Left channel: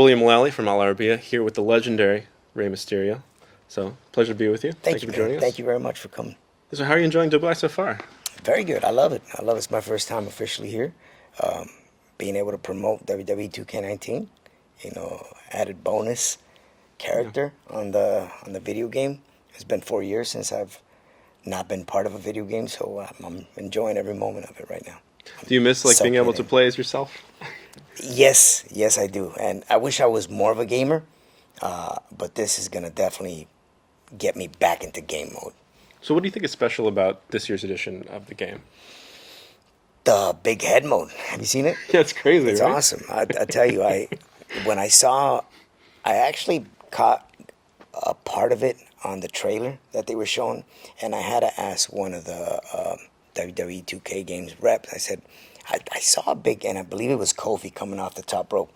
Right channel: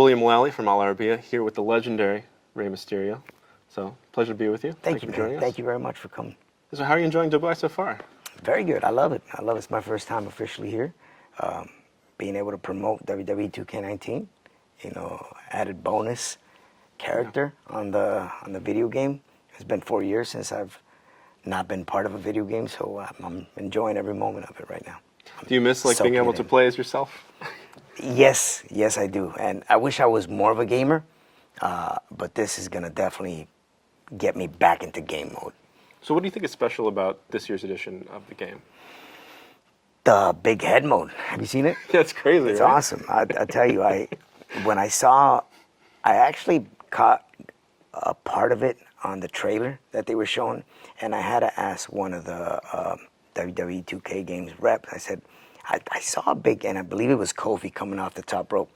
Mullally from Arabiya here with the legendary Rey Mysterio. So, pleasure to be with you. Thank you for man. joining us. Thank you very much for coming. So, how are you enjoying WWE so far? Very good. I love it. I love it. It's my first time officially here. Being able to promote WWE 2K19, added bonus character on the video game. It's been 4 years since I've not been part of a video game, so I'm enjoying every moment of it right now. Do you miss being able to play as yourself? Yes, I do. And I wish I was more of a gamer, but this is gonna definitely get me back into game mode. So what do you think is special about this year's edition of the game? The big head mode. Have you seen it? Yeah, it's crazy, It's right? awesome. I tell you, when I actually caught a part of it on the trailer that they were showing, and I had to ask one of the WWE 2K games reps. I said, I saw a big, and I believe it was Kofi coming off the top rope.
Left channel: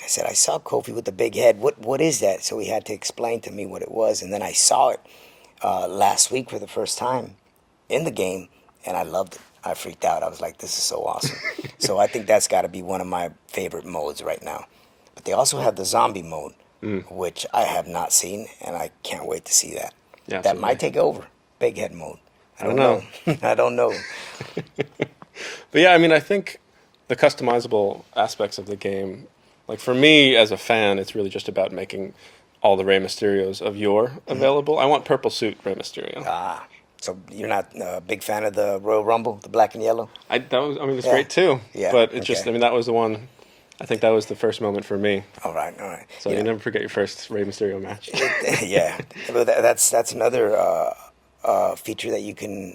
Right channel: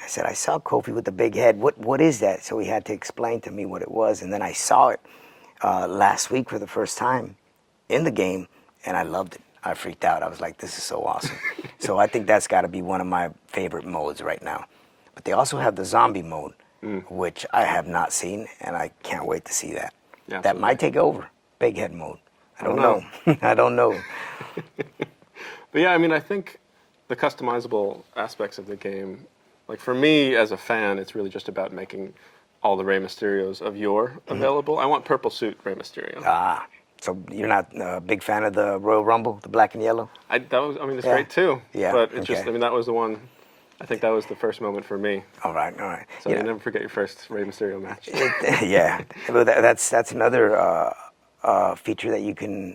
I said, I saw Kofi with the big head. What is that? So he had to explain to me what it was, and then I saw it last week for the first time in the game, and I loved it. I freaked out. I was like, this is so awesome. So I think that's got to be one of my favorite modes right now. But they also have the zombie mode, which I have not seen, and I can't wait to see that. Yeah, that might take over, big head mode. I don't know. I don't know. But yeah, I mean, I think the customizable aspects of the game, like for me as a fan, it's really just about making all the Rey Mysterios of yore available. I want purple suit Rey Mysterio. So you're not a big fan of the Royal Rumble, the black and yellow? It's great too. Yeah. But it's just, that was the one. I think that was the first moment for me. All right. So you never forget your first Rey Mysterio match. Yeah, but that's another feature that you can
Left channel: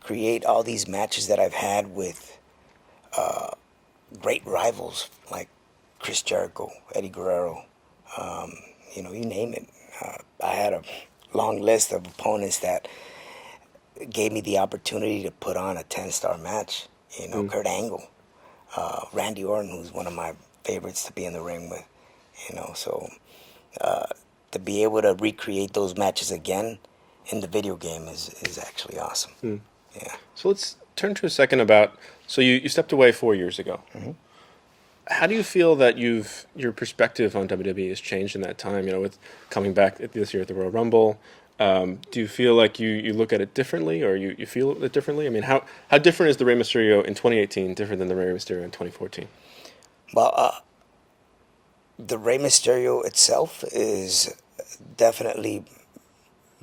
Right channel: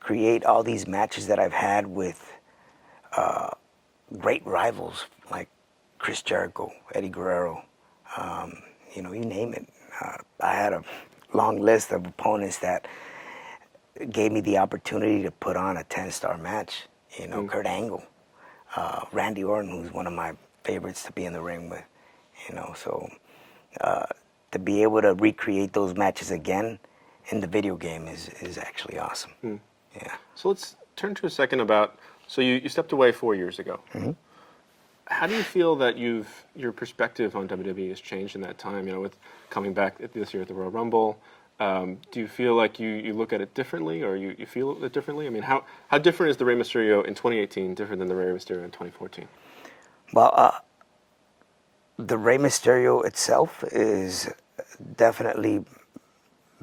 create all these matches that I've had with great rivals like Chris Jericho, Eddie Guerrero, you name it. I had a long list of opponents that gave me the opportunity to put on a 10-star match. Kurt Angle, Randy Orton, who's one of my favorites to be in the ring with. So to be able to recreate those matches again in the video game is actually awesome. Yeah. So let's turn to a second about, so you stepped away 4 years ago. Mm-hmm. How do you feel that your perspective on WWE has changed in that time, with coming back this year at the Royal Rumble? Do you feel like you look at it differently, or you feel it differently? I mean, how different is the Rey Mysterio in 2018 different than the Rey Mysterio in 2014? Well, the Rey Mysterio itself is definitely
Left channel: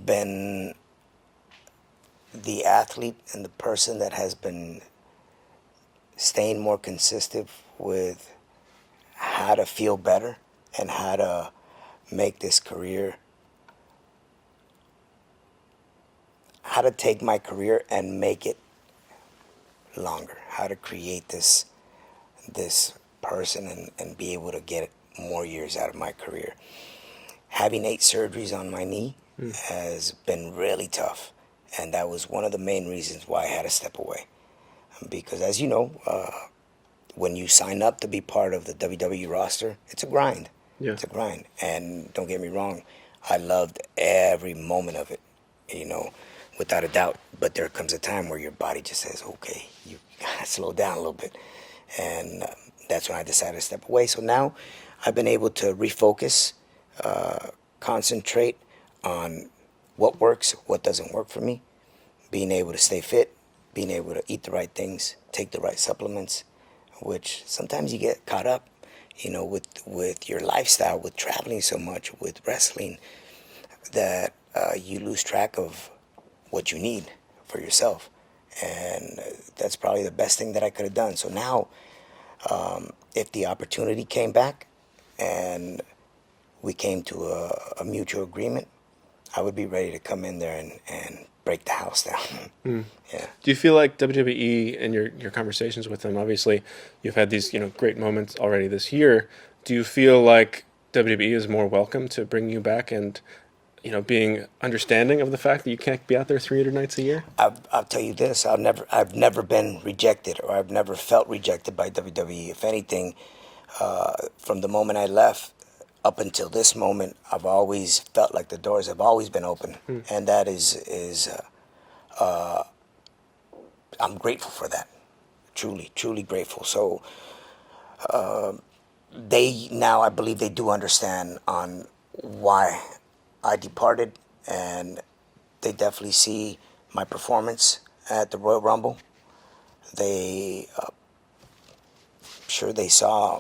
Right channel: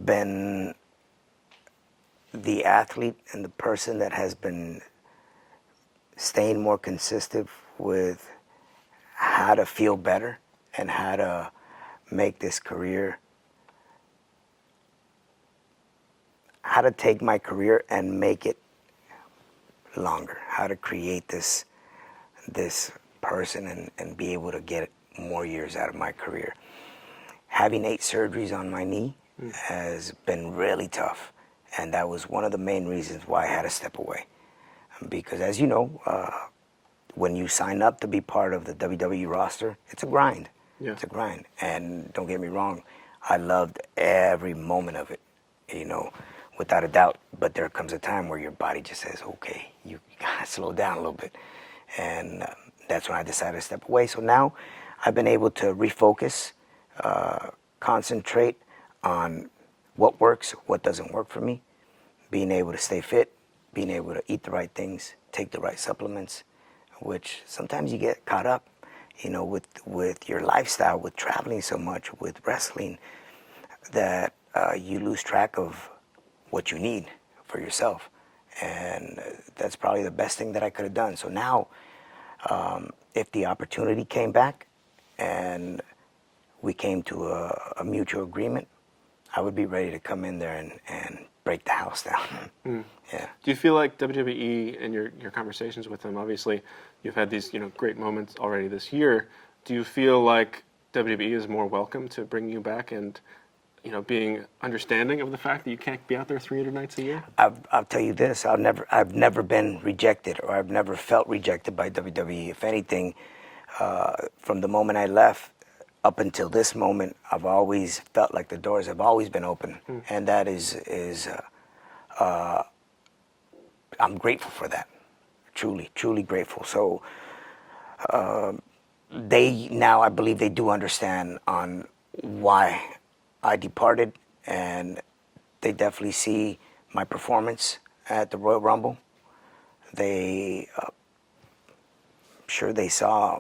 been the athlete and the person that has been staying more consistent with how to feel better and how to make this career, how to take my career and make it longer, how to create this person and be able to get more years out of my career. Having 8 surgeries on my knee has been really tough, and that was one of the main reasons why I had to step away. Because as you know, when you sign up to be part of the WWE roster, it's a grind. Yeah. It's a grind. And don't get me wrong, I loved every moment of it, without a doubt. But there comes a time where your body just says, okay, you gotta slow down a little bit. And that's when I decided to step away. So now I've been able to refocus, concentrate on what works, what doesn't work for me, being able to stay fit, being able to eat the right things, take the right supplements, which sometimes you get caught up, with your lifestyle, with traveling so much, with wrestling, that you lose track of what you need for yourself. And that's probably the best thing that I could have done. So now, if the opportunity came back and we came to a mutual agreement, I would be ready to come in there and break the house down. Yeah. Do you feel like WWE, in your conversations with them, obviously you've had these great moments already this year, do you feel like WWE is more welcome to bring you back and being understanding of the fact that you can't be out there 300 nights a year? I'll tell you this, I've never been rejected, or I've never felt rejected by WWE. If anything, from the moment I left up until this moment, I've always felt like the doors have always been open, and that is I'm grateful for that. Truly, truly grateful. So they now, I believe they do understand on why I departed, and they definitely see my performance at the Royal Rumble. They, sure, they saw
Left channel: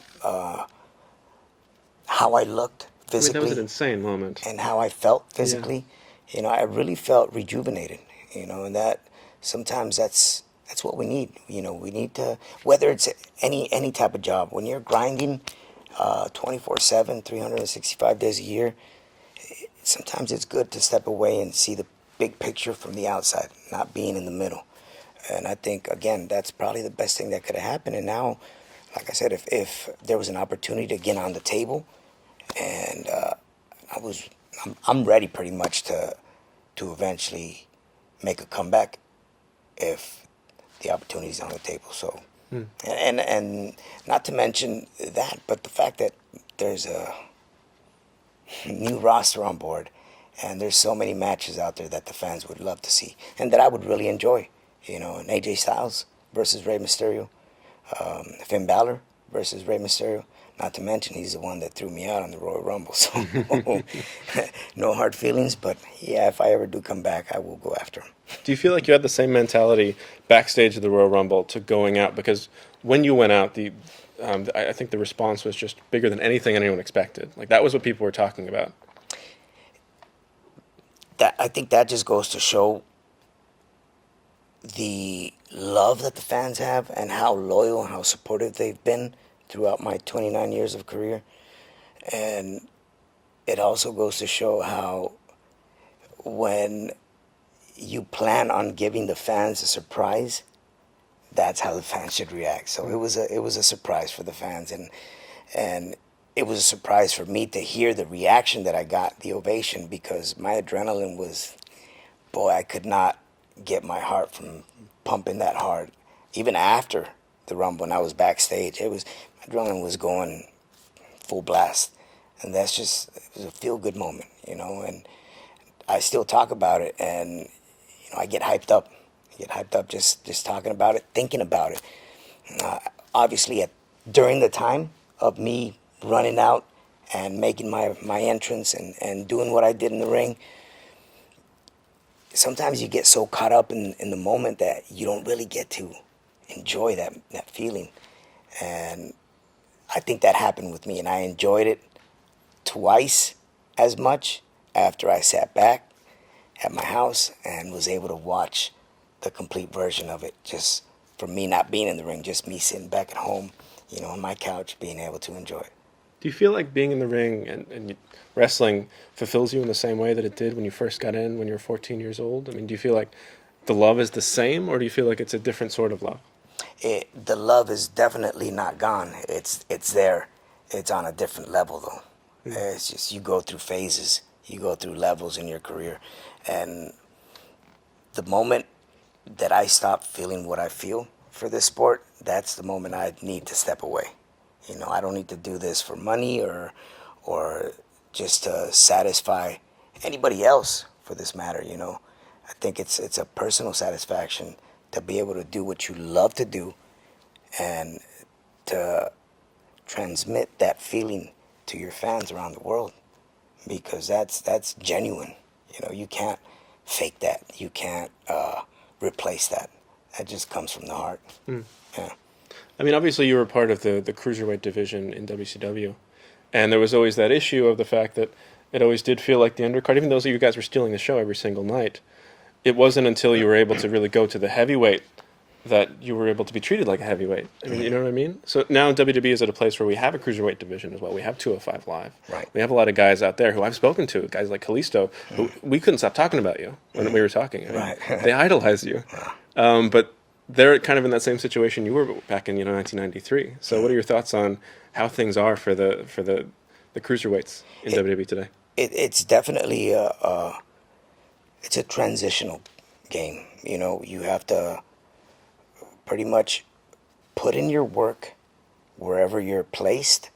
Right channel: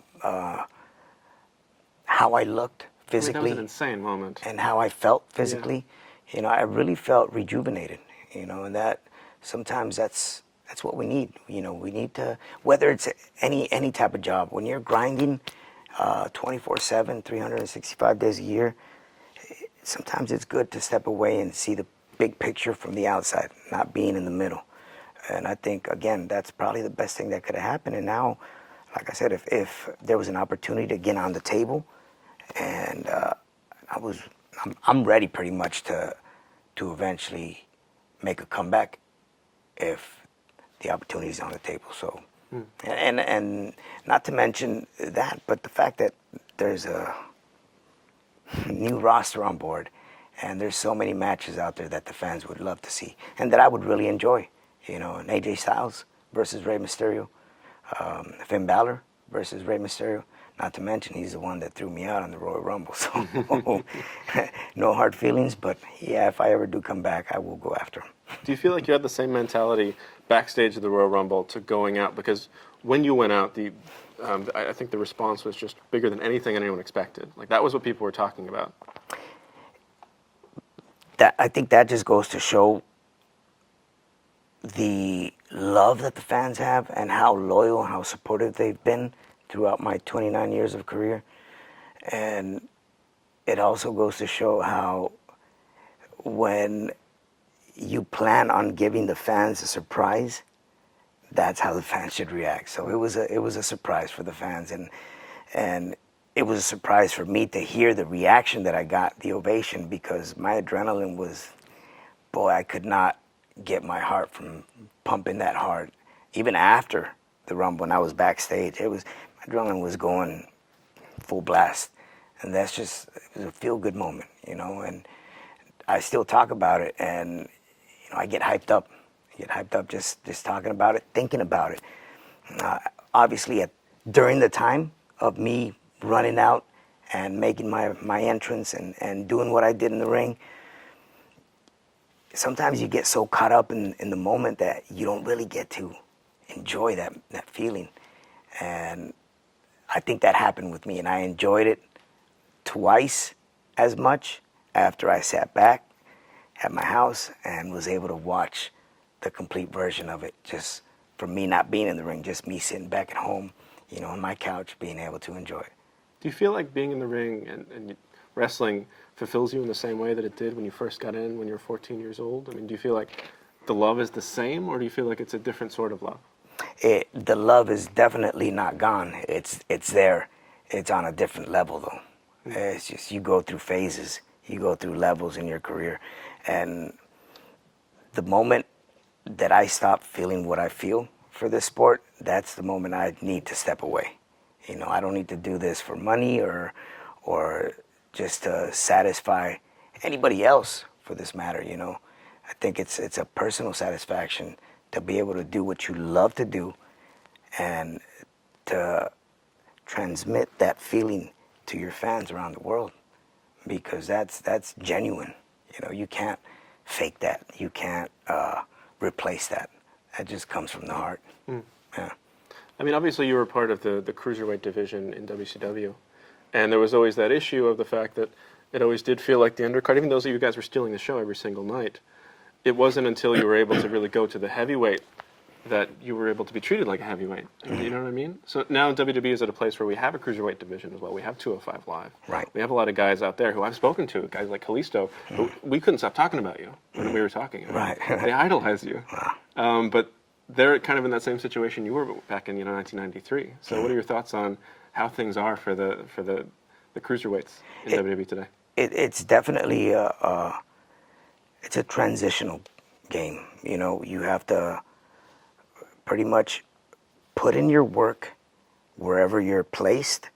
how I looked I mean, that was an physically insane moment. and how I felt Yeah. physically. You know, I really felt rejuvenated. You know, and that sometimes that's what we need. You know, we need to, whether it's any type of job, when you're grinding 24/7, 365 days a year, sometimes it's good to step away and see the big picture from the outside, not being in the middle. And I think, again, that's probably the best thing that could have happened. And now, like I said, if there was an opportunity to get on the table, and I'm ready pretty much to eventually make a comeback if the opportunity's on the table. So, and not to mention that, but the fact that there's a new roster on board, and there's so many matches out there that the fans would love to see, and that I would really enjoy. You know, an AJ Styles versus Rey Mysterio, Finn Balor versus Rey Mysterio. Not to mention, he's the one that threw me out on the Royal Rumble. So, no hard feelings, but yeah, if I ever do come back, I will go after him. Do you feel like you had the same mentality backstage at the Royal Rumble to going out? Because when you went out, I think the response was just bigger than anything anyone expected. Like, that was what people were talking about. I think that just goes to show the love that the fans have and how loyal, how supportive they've been throughout my 29 years of career. And it also goes to show how when you plan on giving the fans a surprise, that's how the fans should react. So it was a surprise for the fans, and it was a surprise for me to hear the reaction that I got, the ovation, because my adrenaline was, boy, I could not get my heart from pumping that hard. Even after the Rumble, when I was backstage, my adrenaline was going full blast, and it was a feel good moment, you know. And I still talk about it, and you know, I get hyped up. Just talking about it, thinking about it. Obviously, during the time of me running out and making my entrance and doing what I did in the ring, sometimes you get so caught up in the moment that you don't really get to enjoy that feeling. And I think that happened with me, and I enjoyed it twice as much after I sat back at my house and was able to watch the complete version of it, just from me not being in the ring, just me sitting back at home, you know, on my couch, being able to enjoy it. Do you feel like being in the ring and wrestling fulfills you in the same way that it did when you first got in when you were 14 years old? I mean, do you feel like the love is the same, or do you feel like it's a different sort of love? The love is definitely not gone. It's there. It's on a different level, though. It's just, you go through phases, you go through levels in your career, and the moment that I stop feeling what I feel for this sport, that's the moment I need to step away. You know, I don't need to do this for money or just to satisfy anybody else, for this matter. You know, I think it's a personal satisfaction to be able to do what you love to do and to transmit that feeling to your fans around the world, because that's genuine. You know, you can't fake that. You can't replace that. That just comes from the heart. Yeah. I mean, obviously you were part of the Cruiserweight division in WCW, and there was always that issue of the fact that it always did feel like the undercard, even though you guys were stealing the show every single night. It wasn't until you were able to really go to the heavyweight that you were able to be treated like a heavyweight. I mean, you know what I mean? So now WWE is at a place where we have a Cruiserweight division as well. We have 205 Live. Right. We have a lot of guys out there who I've spoken to, guys like Kalisto, who we couldn't stop talking about you when we were talking. I mean, Right. They idolize you. But they're kind of in that same situation you were back in 1993. So what are your thoughts on how things are for the Cruiserweights in WWE today? It's definitely it's a transitional game. You know, you have to pretty much put in your work wherever you're placed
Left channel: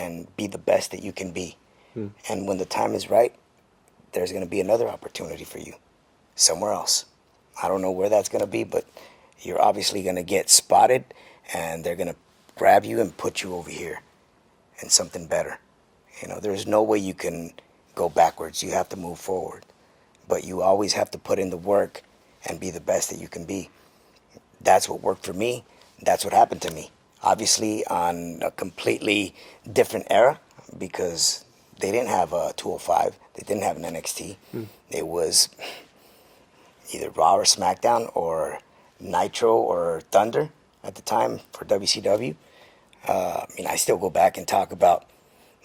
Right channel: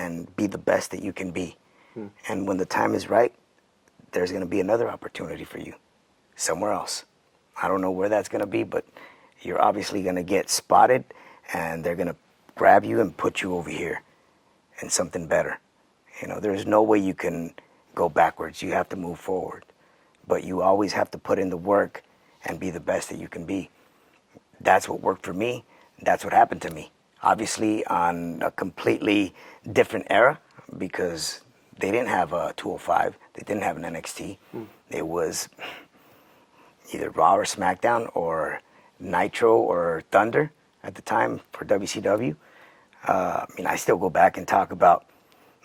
and be the best that you can be. And when the time is right, there's going to be another opportunity for you somewhere else. I don't know where that's going to be, but you're obviously going to get spotted, and they're going to grab you and put you over here. and something better. You know, there's no way you can go backwards. You have to move forward. But you always have to put in the work and be the best that you can be. That's what worked for me. That's what happened to me. Obviously, on a completely different era, because they didn't have a 205. They didn't have an NXT. It was either Raw or SmackDown or Nitro or Thunder at the time for WCW. I mean, I still go back and talk about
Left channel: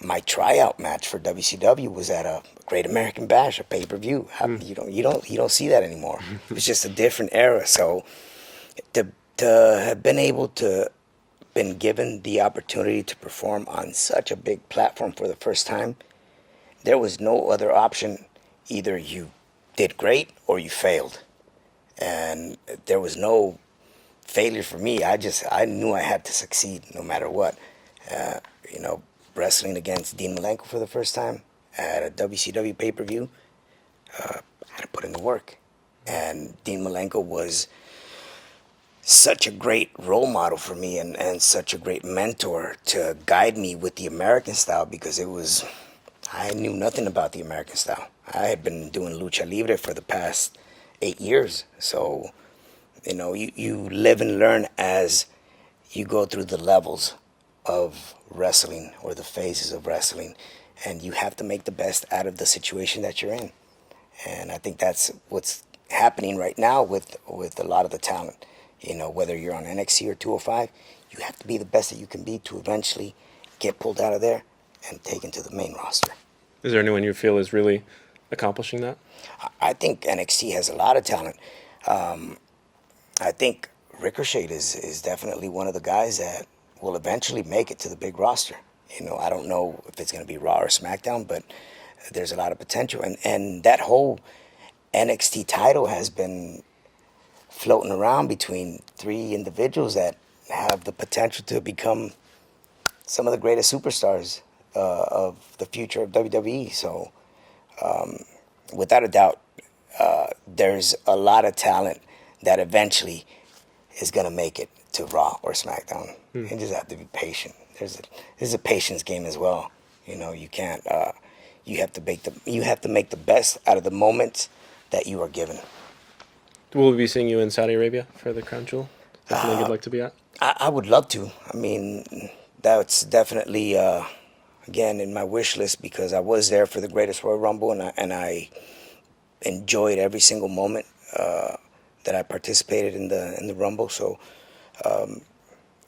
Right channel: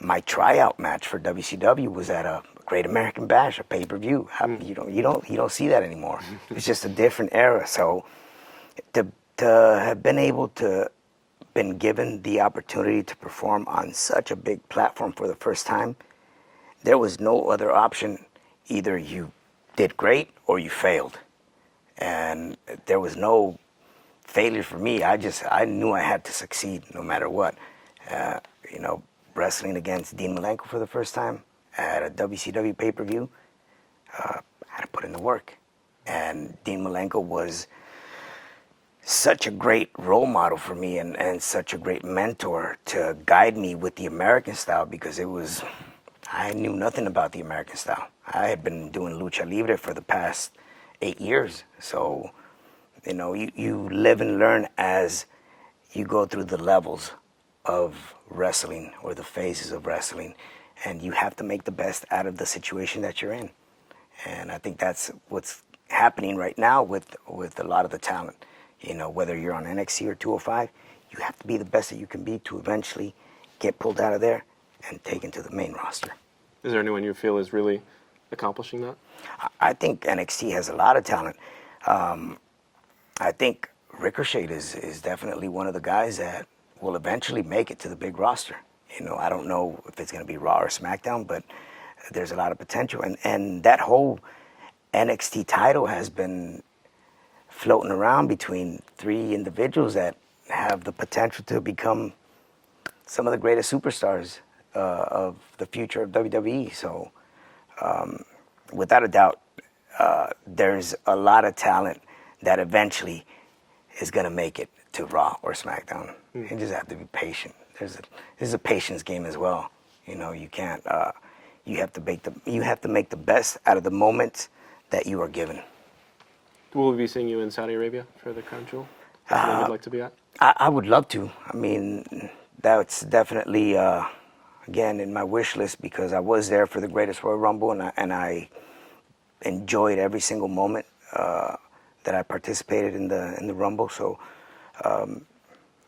my tryout match for WCW was at a Great American Bash, a pay-per-view. You don't see that anymore. It's just a different era. So to have been able to been given the opportunity to perform on such a big platform for the first time, there was no other option. Either you did great or you failed, and there was no failure for me. I knew I had to succeed no matter what. You know, wrestling against Dean Malenko for the first time at a WCW pay-per-view, I had to put in the work. And Dean Malenko was such a great role model for me and such a great mentor to guide me with the American style, because I knew nothing about the American style. I had been doing lucha libre for the past 8 years. So, you know, you live and learn as you go through the levels of wrestling or the phases of wrestling, and you have to make the best out of the situation that you're in. And I think that's what's happening right now with a lot of the talent. You know, whether you're on NXT or 205, you have to be the best that you can be to eventually get pulled out of there and taken to the main roster. Is there anyone you feel is really accomplishing that? I think NXT has a lot of talent. I think Ricochet is definitely one of the guys that will eventually make it to the big roster. You know, I don't know if it's going to be Raw or SmackDown, but there's a lot of potential. And that whole NXT title has been floating around between 3 individuals that have the potential to become some of the greatest superstars of the future of WWE. So, without a doubt, there's a lot of talent that eventually is going to make it to Raw or SmackDown. You just have to be patient. There's a patience game as well. You know, you can't. You have to make the best out of the moments that you are given. Will we be seeing you in Saudi Arabia for the Crown Jewel? Something you'd like to be at? I would love to. I mean, that's definitely again in my wish list, because I was there for the Greatest Royal Rumble, and I enjoyed every single moment that I participated in the Rumble. So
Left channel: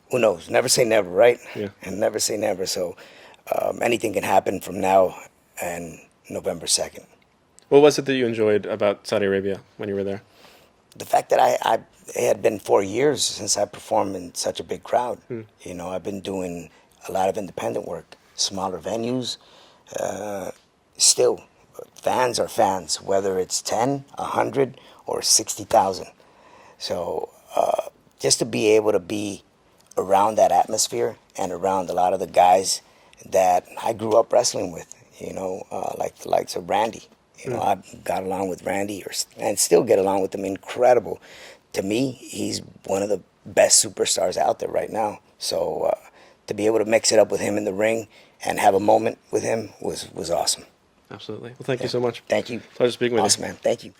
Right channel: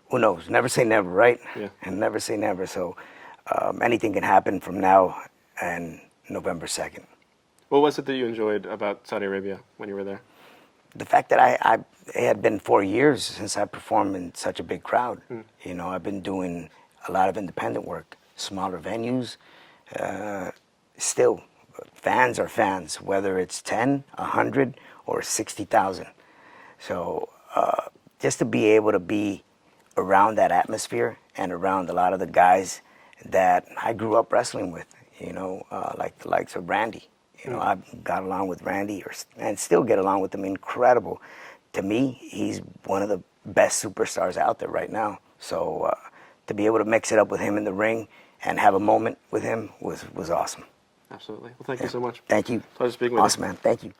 who knows? Never say never, right? Yeah. And never say never. So anything can happen from now and November 2nd. What was it that you enjoyed about Saudi Arabia when you were there? The fact that it had been 4 years since I performed in such a big crowd. You know, I've been doing a lot of independent work, smaller venues. Still, fans are fans, whether it's 10, 100, or 60,000. So just to be able to be around that atmosphere and around a lot of the guys that I grew up wrestling with, you know, like the likes of Randy. You know, I got along with Randy and still get along with him. Incredible. To me, he's one of the best superstars out there right now. So to be able to mix it up with him in the ring and have a moment with him was awesome. Absolutely. Well, thank you so much. Thank you. Pleasure speaking with you. Awesome, man. Thank you.